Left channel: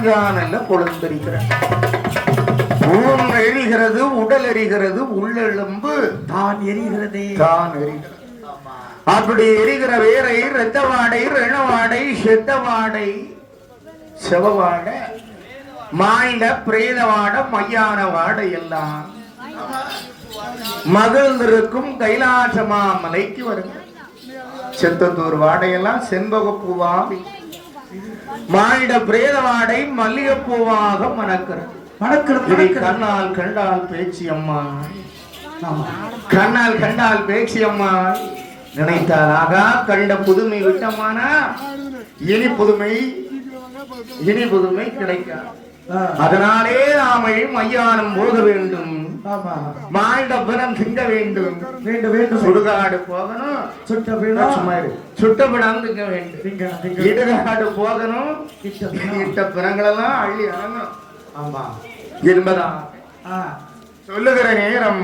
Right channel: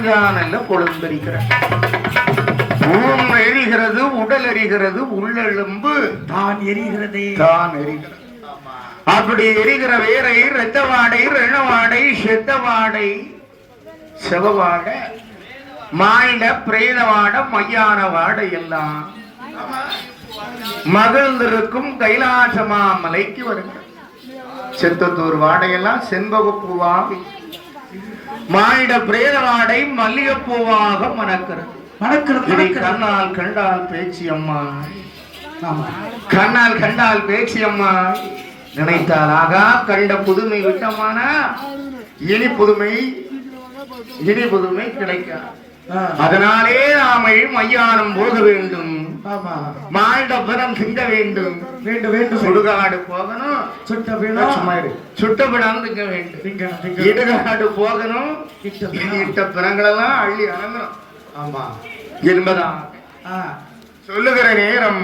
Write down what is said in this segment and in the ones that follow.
பூஞ்சானல்ல கொழுந்தரிக்கிறார். ஊன் எரிகிறது, உடல் எரிகிறது, உள்ளெலும்பு தான் எரிகிறது, தான் எரிகிறது. அப்படி எரிகிற வேரை இரத்த வாடை, ரணவாடை, செத்த வாடை, செவவாடை, மாயில பிரேத வாடை, மையான வாடை எல்லாம் மகிழ்ந்திருக்கும் கைலாசமா மலைக்கு வருகிறது. செத்தத்தூர் வாடையெல்லாம் செண்பகப்பூவாக, மாயிட பிரேத வாடை மல்லிகைப்பூவாக மணக்கிறது. இதை கண்ணால் கண்டால் பேச்சு அம்மா, கண்ணால் கண்டால் பேச்சு அம்மா, நினைத்தால் ஆகா கண்ட புதுமை விட்டமான இனி புதுமை, இனி புதுமை கிடைக்க. அதனாலே நாம மையானம் போக வேண்டும், மாண்ட பிறம் திங்க வேண்டும், சுடுகாடு போகணும், சுட்ட பிணம் திங்க வேண்டும், இடுகாடு போகணும், இட்ட பிறங்களெல்லாம் அள்ளி அறங்கணும். ஆமா என்பதா சொல்லுகிற நேரம்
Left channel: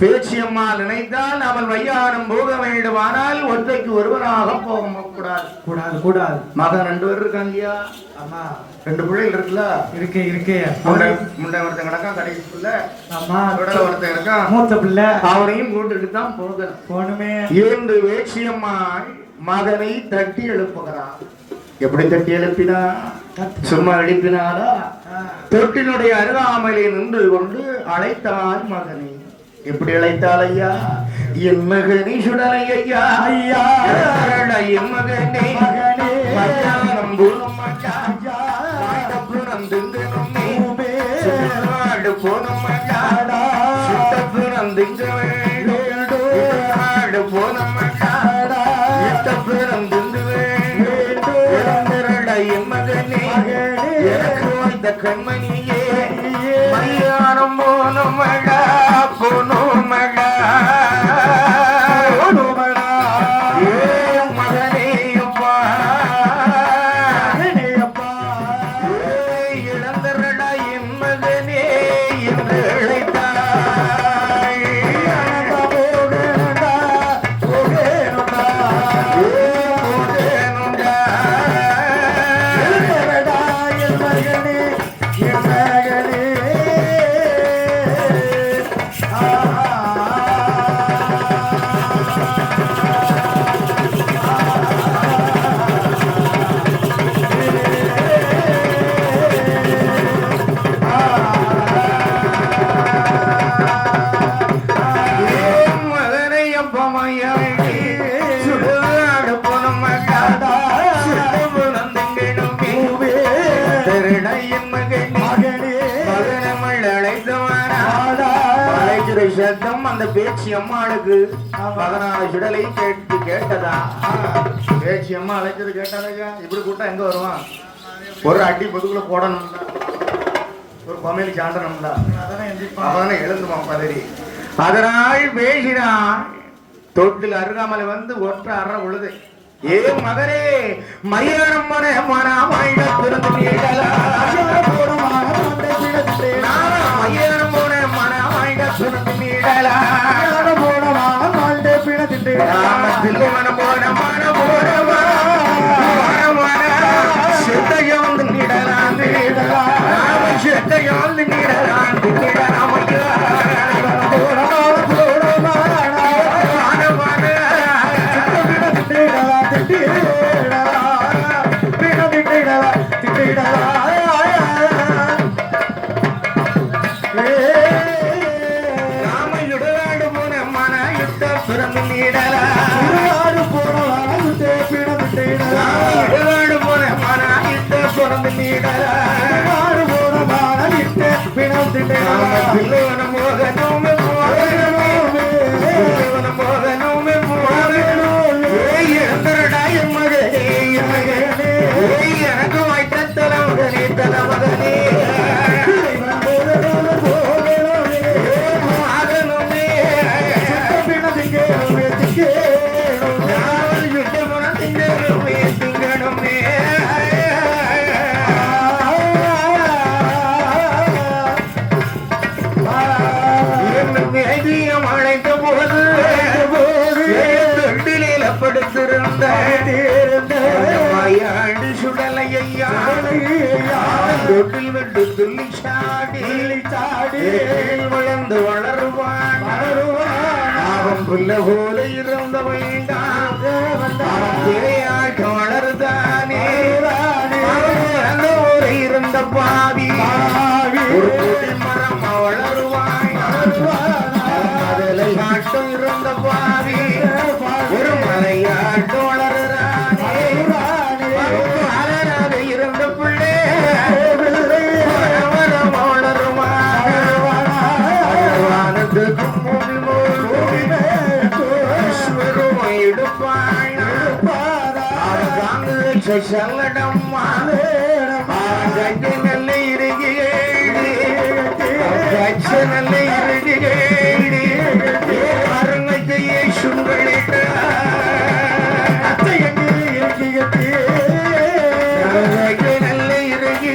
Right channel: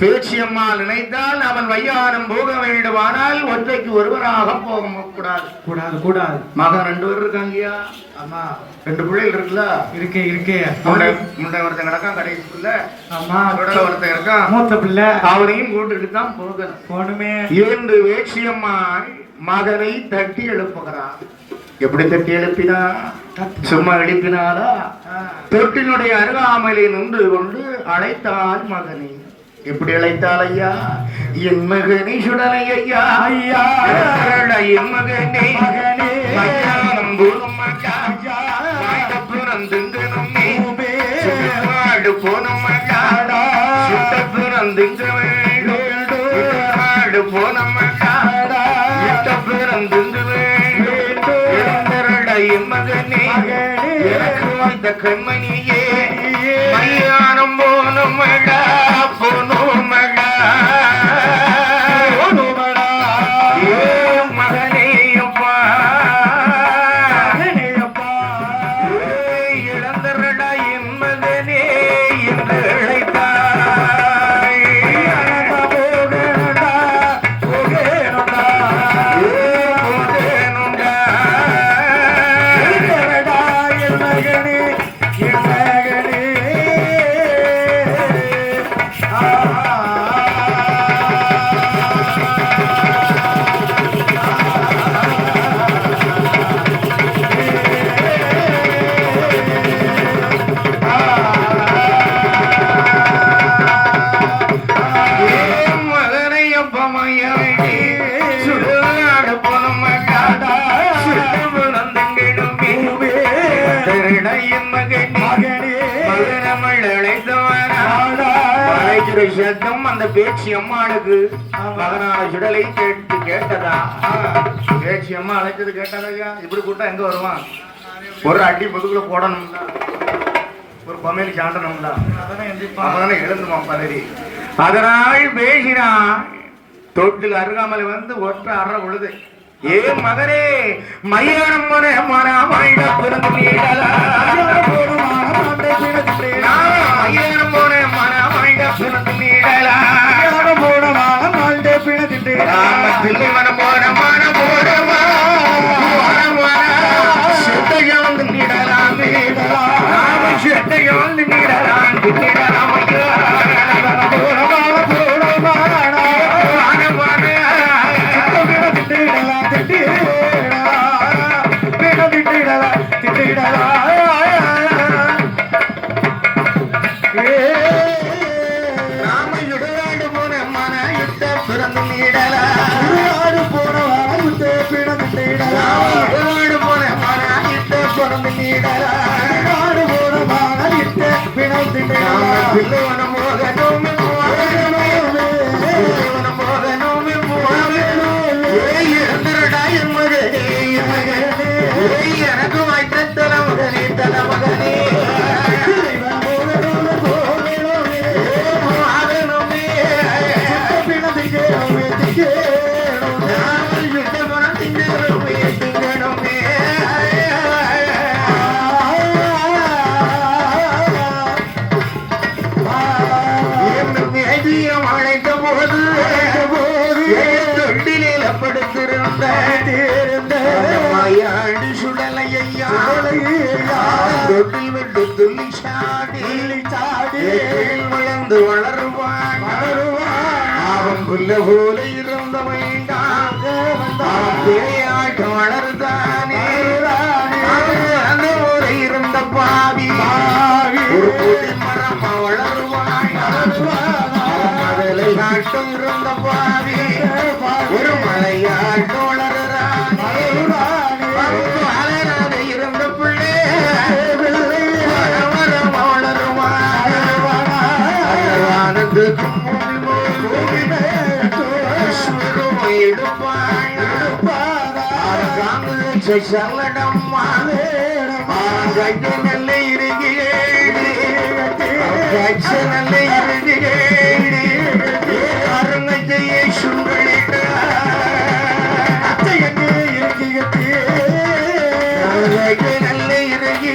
பேச்சியம்மா நினைத்தால் அவள் வையாரம் போக வேண்டுமானால் ஒற்றைக்கு ஒருவராக போக கூடாது, கூடாது, கூடாது. மகன் 2 பேர் இருக்காங்கயா. ஆமா, 2 பிள்ளைகள் இருக்குல்ல, இருக்கே இருக்கே. முண்டை ஒருத்தன் கிடக்கான் கடைசிக்குள்ள, ஆமா, உடல ஒருத்தன் இருக்கான் மூத்த பிள்ளை, அவனையும் கூட்டுட்டு தான் போகணுமே என்று வேட்சியம்மா மகனை தட்டி எழுப்புகிறான். எப்படி தட்டி எழுப்பினா? சும்மா எழுப்பினாலா? தொட்டினுடைய அருகாமையிலே நின்று கொண்டு அழைத்தாள் மகனை. எப்படி அழைத்தாள்? ஐயா என் மகனை சுடலை, ஐயா ஐயா என் மகனே, மகனம் பூரும் போனும் போனம் என் மகனே, இந்த கண்மணியே மையானம் போனும் மகா, போனும் மகா, மகனே அப்பா, இழந்தரடா என் மகனே என்று அழைத்தாய். சத்தம் அந்த பேச்சு அம்மாளுக்கு மகனான சுடலை கேட்டு கேட்டதா? பேச்சு அம்மா அழைச்சது கேட்டதையா? இப்படி கூட்டா எங்க வருவான்? ஒரு அடி முதுகுல போடணும்ல, ஒரு பமையில் சாண்டணும்ல, அதனால எழுந்துமா பதவி. அதனால் பேசினான். தொட்டில் அருகாமல் வந்து ஒற்ற அற பொழுது, ஏ மகனே மையானம் மன மனமாயிட பிறந்து மையானம் போன மனமாயிட பிறந்து நீடலா பிள்ளை மனம் போன மன போன செத்தையால் நீடலாம், செத்தையால் நீடலாம், எனக்கு வாய்த்த தலைமகனே, தலைமகனே தொட்டிலே படுத்திருந்த அடி சுடலையா தொட்டில் விட்டு துள்ளி சாடி வளர்ந்து வளருவான் அவன் புல்ல போல இருந்த வேண்டாம் பேயாட்டு வளர்தானே அந்த ஊரை இருந்த பாவி ஒரு புதி மரம் வளருவான் மலையாட்டம் இருந்த பாவி ஒரு மலையாட்டம் வளர்றான் வளராத இருந்த பிள்ளை சல்லடம்மா நல்ல நல்ல அருங்கையை சுங்களிட்ட நல்ல இறங்கி